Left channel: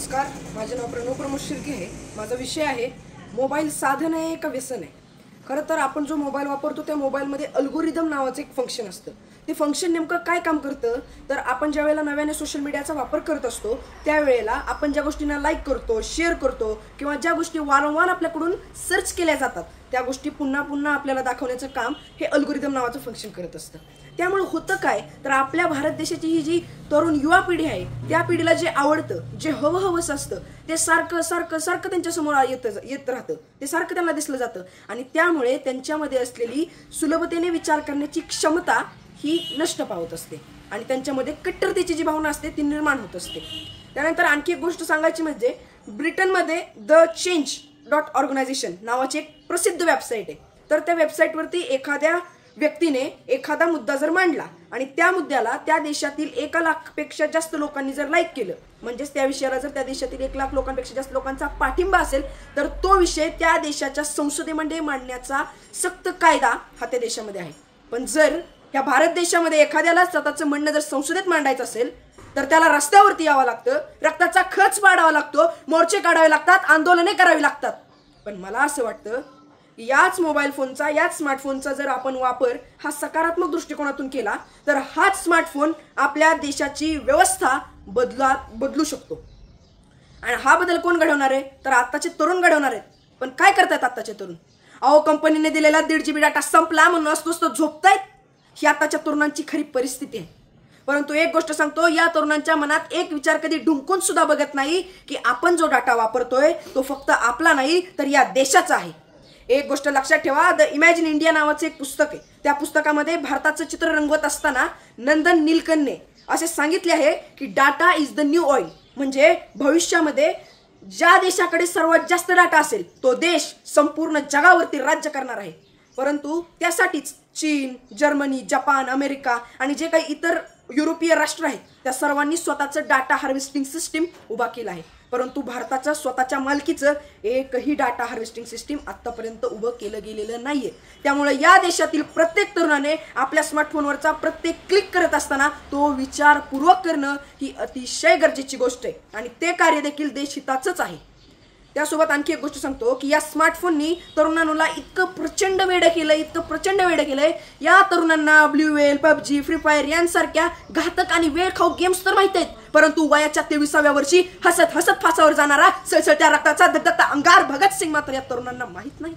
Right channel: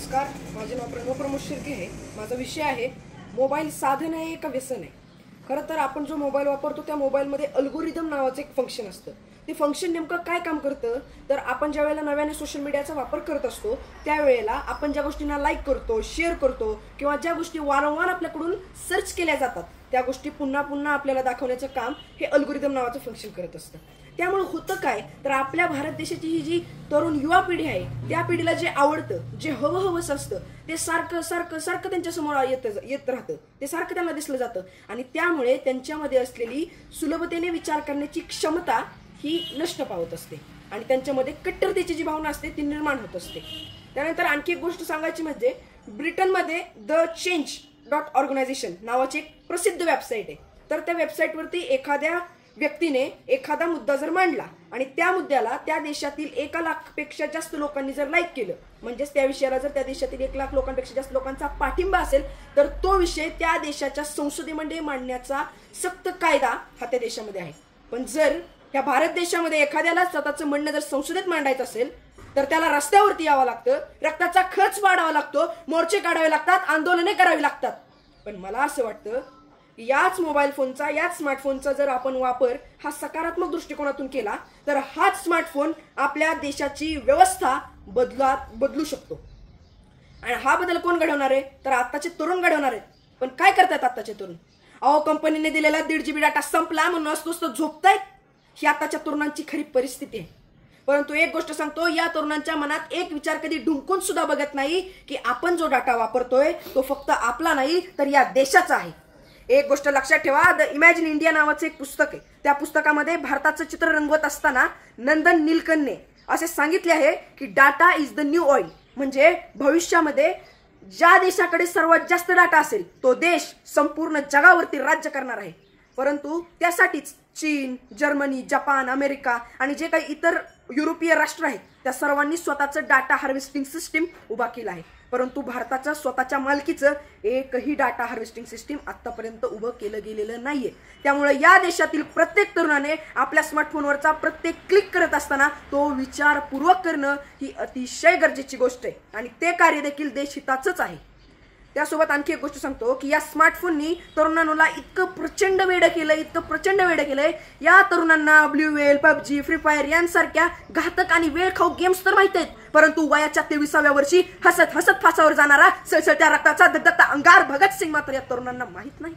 नमस्कार, माझे नाव प्रणव प्रमोद शिर्के आहे। माझा विषय आहे मोबाईल साधन आहे का व्यसन आहे। खरं तर आपण जो मोबाईल वापरतो त्या मोबाईलमध्ये अल्गोरिदम नावाचं एक फंक्शन असतं। ते फंक्शन नेमकं काय काम करतं तर आपण ज्या वेळेला नव्याने सोशल मीडियाचा वापर करत असतो त्यावेळेला आपण ज्या गोष्टींना लाईक करतो, शेअर करतो किंवा ज्या गोष्टी वारंवार आपल्याकडून सर्च केल्या जातात त्या गोष्टी पुन्हा पुन्हा आपल्याला दाखवण्याचं काम हे अल्गोरिदम नावाचं फंक्शन करत असतं। त्यामुळे होतं काय तर आपल्या भारत देशाची ही जी तरुण युवा पिढी आहे त्या पिढीला जे आवडतं, जे हवंहवस असतं ते सारखं सारखं सारखं त्यांच्या समोर येत राहतं, ते सारखं त्यांना दिसलं जातं आणि त्यामुळे त्यांच्यामध्ये असलेली सुलभतेने विचार करण्याची क्षमता ही नष्ट पावत असते आणि त्यांच्यामध्ये कट्टरतेची जी भावना असते ती निर्माण होत असते। त्यानंतर आणखी एक गोष्ट सांगायची म्हणजे ब्रिटनमध्ये द change.organization नावाची एक प्रसिद्ध वेबसाईट आहे। तर त्या वेबसाईटवरती एखाद्या व्यक्तीने एखादा मुद्दा जर मांडला आणि त्या मुद्द्याला त्या देशातील 1 लाखपेक्षा जास्त लोकांनी जर लाईक केलं म्हणजेच त्या विषयाला जर त्या देशातील 1 लाख लोकांपेक्षा जास्त लोकांचा पाठिंबा असेल तर तो विषय त्या देशाच्या संसदेमध्ये मांडण्याचा सक्त कायदा हा त्या देशामध्ये आहे। पण जर या भारत देशामध्ये एखाद्याला स्वतःचं म्हणणं जर संसदेत मांडायचं असेल तर त्याला रस्त्यावरती यावं लागतं, रक्ताचा खच पाडावा लागतो, मोर्चे काढावे लागतात, आंदोलने करावी लागतात। पण मला असं वाटतं याच मोबाईल फोनचा, याच स्मार्टफोनचा जर आपण वापर हा सकारात्मक दृष्टिकोनातून केला तर हाच स्मार्टफोन आपल्या देशाची व्यवस्था बदलू शकतो। आणि हा बदल कोण घडवणार आहे तर आताचे तरुण घडवणार आहेत। पण काय करतात आताचे तरुण? अहो, कंपनीने दिलेला 1.5 GB डाटा संपला म्हणून असतोच तो झोपतायत। ही आताच्या तरुणांची खरी परिस्थिती आहे। परंतु एक गोष्ट सांगतो, या तरुणांच्या मनात एक विचार कधी ढुंकून सुद्धा बघत नाही की आपण जो डाटा वापरतोय तो फक्त आपला नाही तर या देशाचा आहे। एक गोष्ट लक्षात ठेवा, द इमॅजिन इंडिया नावाचं एक पुस्तक आहे। त्या पुस्तकामध्ये भारताचं चित्र रंगवत असताना नंदन नीलकंठने असे सांगितले आहे की data is the new oil, म्हणजे भविष्यामध्ये ज्या देशाकडे सर्वात जास्त डाटा असेल तो देश संपूर्ण जगावरती राज्य करणार आहे। परंतु त्यासाठीच चीन, जर्मनी, जपान, अमेरिका आणि जे काही इतर युरोपीय राष्ट्र आहेत त्या सर्वांनी स्वतःचं डाटा हार्वेस्टिंग सिस्टीम उभा केला आहे। परंतु भारताच्या स्वतःच्या मालकीचं एकही डाटा हार्वेस्टिंग सिस्टीम आतापर्यंत उभं केलं गेलेलं नाहीये। त्यामुळे या देशातील प्रत्येक तरुणाने आपल्या स्मार्टफोनवरचा प्रत्येक क्लिक करत असताना तो विचारपूर्वक करणं ही अतिशय गरजेची गोष्ट आहे आणि ते कार्य देखील देशहिताचंच आहे। त्यासोबत आणखी एक गोष्ट सांगतो की या स्मार्टफोननी तरुणांना इतकं प्रचंड वेड केलंय, या तरुणांना blue whale, PUBG, free fire यांसारख्या घातक आणि वेळ खाऊ गेम्स तर माहित आहेत, परंतु वयाच्या 23व्या वर्षी हसत हसत फासावर जाणारा सळसळत्या रक्ताचा धगधगता अंगार भगतसिंग मात्र या तरुणांना माहित नाही।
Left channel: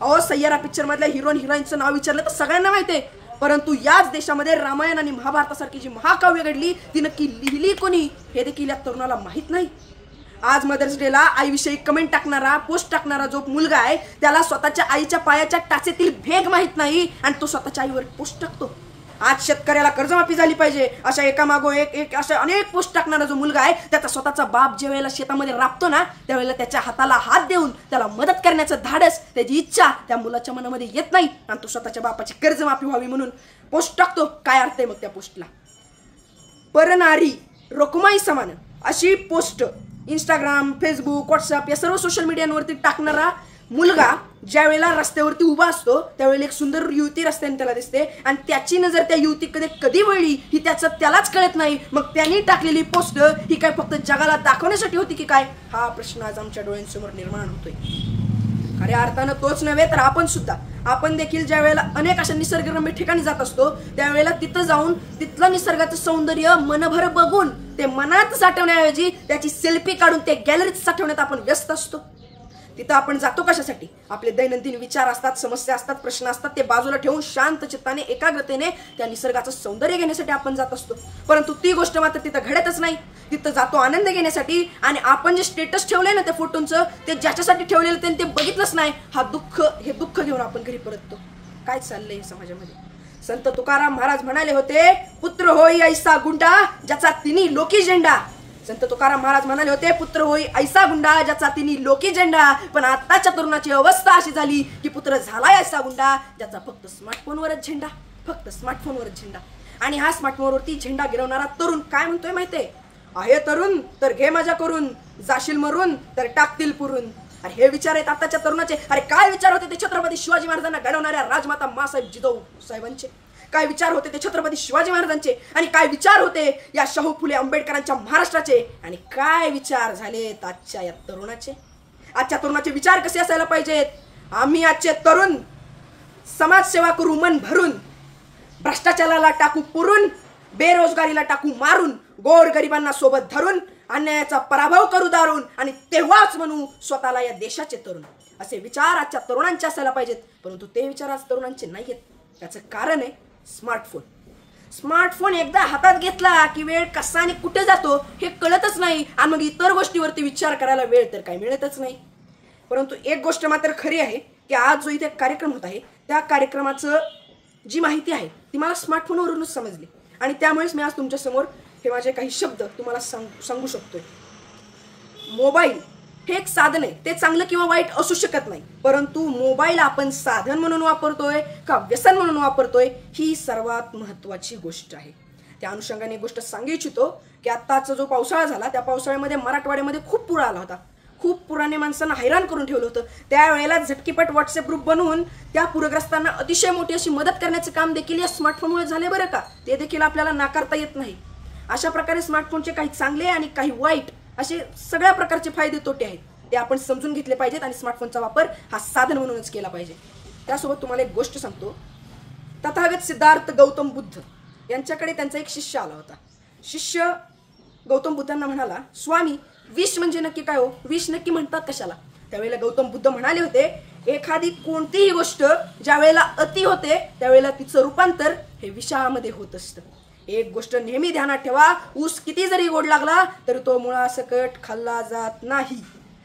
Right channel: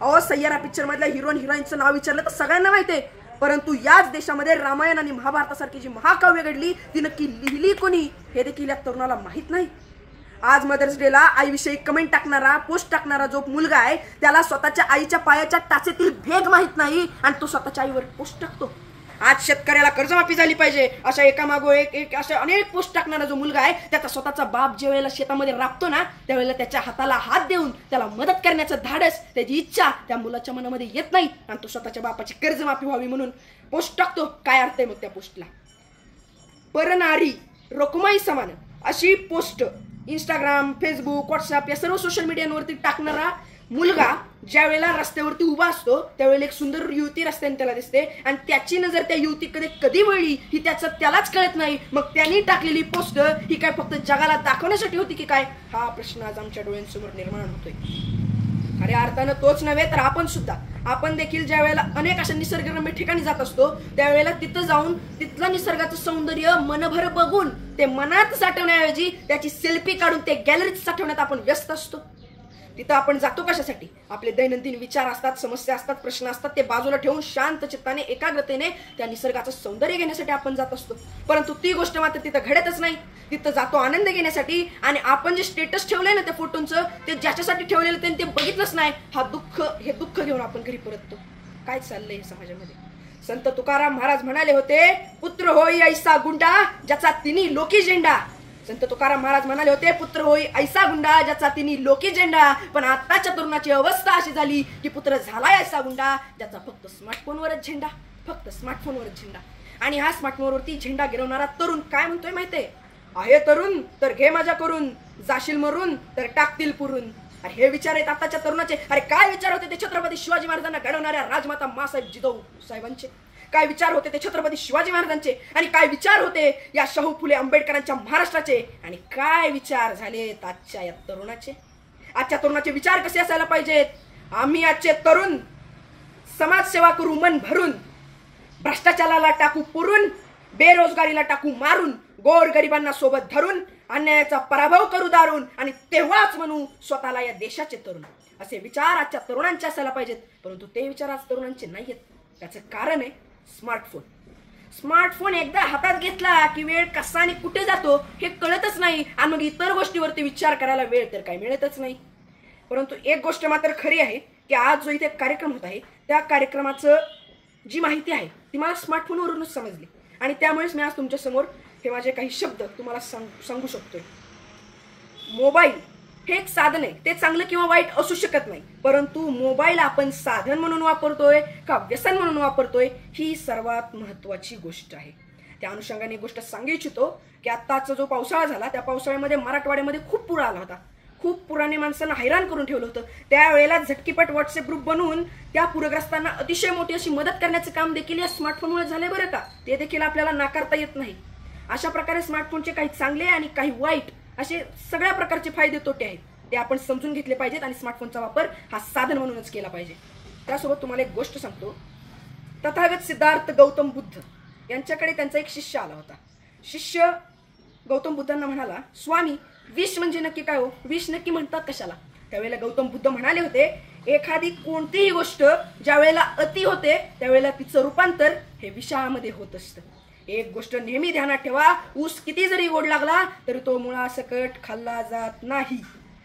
अहो, सय्यारा पिक्चर मधल्या हिरोईनचं नाव विचारलं तर सगळ्यांना माहिती आहे, परंतु याच देशामध्ये रामायण आणि महाभारतासारखी जी महाकाव्य घडली ती नक्की लिहिली कोणी हे देखील या तरुणाला माहित नाही। आज मदर्स डेला आईविषयी कमेंट टाकणारा, पोस्ट टाकणारा जो मुलगा आहे त्याला स्वतःच्या आईच्या पायाच्या टाचेतील भेग माहित नाही आणि तो स्वतःच्या आईवर पोस्ट टाकतो। आज शेतकऱ्याला कर्जमाफी झाली पाहिजे अशा एकामागो एक अशा अनेक पोस्ट टाकणारा जो मुलगा आहे त्याचा स्वतःचा बाप ज्या वेळेला शेतामध्ये राबतो ना त्यावेळेला त्याच्या हाताला हात देऊन त्याला मदत करण्याचं धाडस, त्याची इच्छा त्या मुलाच्या मनामध्ये येत नाही आणि तो स्वतःच्या बापाची कर्जमाफी व्हावी म्हणून पोस्ट टाकतो। काय अर्थ आहे मग त्या पोस्टला? परनारी रोकमाई समान अशी पोस्ट इंस्टाग्राम, फेसबुक, व्हॉट्सअप या सर्व सोशल मीडियावरती टाकणारा मुलगा ज्या वेळेला रस्त्यावरती उभा असतो त्यावेळेला एक सुंदर युवती रस्त्याने त्याला दिसते आणि त्याची नजर त्या युवतीकडे कधी वळली ही त्यालाच कळत नाही। मग त्यांनी टाकलेली पोस्ट ही काय फक्त जगाला दाखवण्यासाठी होती की काय, हा प्रश्न आज आमच्या डोळ्यांसमोर निर्माण होतोय। खऱ्या अर्थानं तोच नव्हे तर आपण देखील ज्या वेळेला अनेक अशा निसर्गरम्य ठिकाणी जात असतो त्यावेळेला तिथं जाऊन तिथलं निसर्गाचं सौंदर्य मनभर बघून ते मनात साठवण्याऐवजी त्याची सेल्फी काढून ते गॅलरीत साठवण्यात आपण व्यस्त असतो। तिथं आपण जातो कशासाठी? आपले दैनंदिन विचार असतात, समस्या असतात, प्रश्न असतात, ते बाजूला ठेवून शांत चित्ताने एकाग्रतेने त्या निसर्गाचं सौंदर्य घेण्यासाठी आपण जात असतो। परंतु ती गोष्ट मात्र तिथं घडतच नाही। तिथं जातो आनंद घेण्यासाठी आणि आपण जे स्टेटस ठेवलंय ना त्या फोटोंचं ते ज्याच्यासाठी ठेवलेलं ते बघितलंच नाही, हे दुःख घेऊन आपण घरी परततो। काय चाललंय हे समाजामध्ये? संत तुकाराम महाराज म्हणाले होते, पुत्र होई ऐसा गुंडा ज्याचा तिन्ही लोकी झेंडा। संत तुकाराम महाराज म्हणाले होते, पुत्र होई ऐसा गुंडा ज्याचा तिन्ही लोकी झेंडा। पण आताच्या तरुणाची अवस्था अशी झाली की पुत्र झालाय ऐसा गुंडा ज्याचा फक्त स्मार्टफोनवरच झेंडा। आणि हा स्मार्टफोनवरती झेंडा गिरवणारा तरुण काय म्हणतोय माहितीये? आहे तरुण तर घे मजा करून, जाशील मरून तर टाकतील पुरून। अरे हे विचार आहेत आताच्या तरुणाचे। अरे काय विचार होते ते छत्रपती शिवाजी महाराजांना घडवणाऱ्या राजमाता मासाहेब जिजाऊ साहेबांचे? काय विचार होते ते छत्रपती शिवाजी महाराजांचे, आणि काय विचार होते या शाहू फुले आंबेडकरांच्या महाराष्ट्राचे, आणि काय विचार झालेत आजच्या या तरुणाचे. आजच्या तरुणाचे विचार कसे असायला पाहिजेत. आम्ही आजचे तरुण समाजसेवा करू मन भरून, भ्रष्टाचाराला टाकू पुरून, बेरोजगारीला टाकू मारून, गोरगरिबांना सोबत धरून, अन्यायाचा पराभव करू दारून, आणि तेव्हाच म्हणू स्वतःला या देशाचे तरुण. असे विचार आजच्या तरुणांचे असायला पाहिजेत. परंतु ते विचार आज तरुणांचे नाहीयेत. त्याचं कारण आहे स्मार्टफोन. स्मार्टफोन एकदा हातात घेतला की वेळ कसा आणि कुठे जातो हे कळतच नाही, आणि मग इतर गोष्टीवरती विचार करायला वेळ तर काही मिळतच नाही. परंतु एक गोष्ट मात्र खरी आहे की आज जो इथे कार्यक्रम होत आहे त्या कार्यक्रमाचं जी माहिती आहे ती मला स्मार्टफोनवरूनच समजली, आणि त्यामुळेच मी आज तुमच्या समोर हे माझे काही शब्द तुम्हाला सांगू शकतोय. मोबाईल हे एक साधन आहे, ते चांगलं किंवा वाईट असू शकत नाही, परंतु मोबाईल आपण साधन म्हणून वापरतोय का व्यसन म्हणून वापरतोय ही सर्वात महत्त्वाची गोष्ट आहे. त्या अनुषंगाने एक गोष्ट सांगू इच्छितो की आत्ताचा जो पावसाळा झाला त्या पावसाळ्यामध्ये मराठवाड्यामध्ये खूप पूर आला होता. खूप पुराने माणसांना हैराण करून ठेवलं होतं. त्यावेळेला झटकीपट व्हॉट्सअप ग्रुप बनवून त्या पूरग्रस्तांना अतिशय मोठी अशी मदत करण्याचं काम देखील या स्मार्टफोनमुळे झाले बरं का. ते देखील आपल्याला नाकारता येत नाही. अशा प्रकारे स्मार्टफोनचे काही चांगले आणि काही वाईट असे सगळ्या प्रकारचे फायदे तोटे आहेत, ते आपण समजून घेतले पाहिजेत आणि स्मार्टफोनचा वापर हा साधन म्हणूनच केला पाहिजे. त्यासोबत तुम्हाला एक गोष्ट सांगतो. तथागत सिद्धार्थ गौतम बुद्ध यांच्याकडे त्यांचा एक शिष्य आला होता. शिष्य गौतम बुद्धांना म्हणाला, स्वामी विष म्हणजे नक्की काय हो, विष नक्की म्हणतात कशाला. त्यावेळेला गौतम बुद्ध म्हणाले होते, एखादी कोणतीही गोष्ट ज्या वेळेला अति होते त्यावेळेला तिचं रूपांतर हे विषामध्ये होत असतं. एक गोष्ट नेहमी ध्यानात ठेवा, ऊस किती जरी गोड लागला तरी तो मुळासकट खाल्ला जात नाही,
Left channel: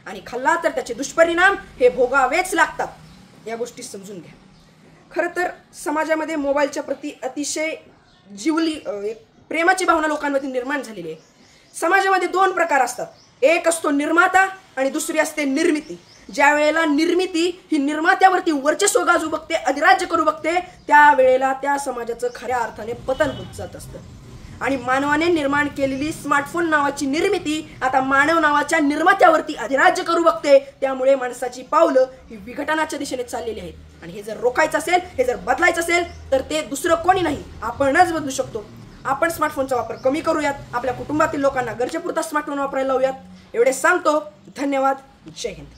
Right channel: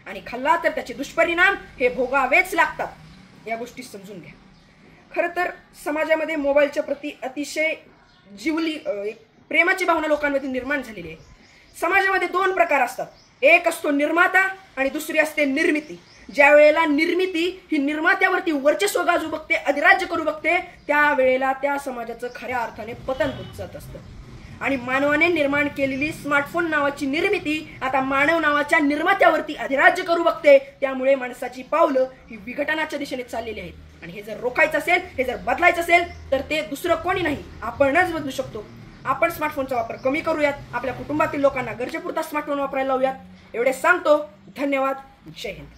आणि खाल्ला तर त्याचे दुष्परिणाम हे भोगावेच लागतात. या गोष्टी समजून घ्या. खरं तर समाजामध्ये मोबाईलच्या प्रती अतिशय एक प्रेमाची भावना लोकांमध्ये निर्माण झालेली आहे. समाजामध्ये दोन प्रकार असतात. एक असतो निर्माता आणि दुसरी असते निर्मिती. ज्या वेळेला निर्मिती ही निर्मात्यावरती वर्चस्व गाजू बघते, अधिराज्य करू बघते, त्यावेळेला त्या समाजाचं खऱ्या अर्थाने पतन होत जात असतं. आणि मानवाने निर्माण केलेली स्मार्टफोन नावाची निर्मिती आता मानव नावाच्या निर्मात्यावरती अधिराज्य करू बघते. त्यामुळे माणसाची पावलं ही विघटनाच्या दिशेने चाललेली आहेत. आणि हे जर रोखायचं असेल, हे जर बदलायचं असेल तर ते दुसरं कोणी नाही, आपणच बदलू शकतो. आपण स्मार्टफोनचा वापर कमी करूयात. आपल्या कुटुंबातील लोकांना गरजेपुरता स्मार्टफोन वापरायला लावूयात. एवढे सांगतो. धन्यवाद. जय हिंद.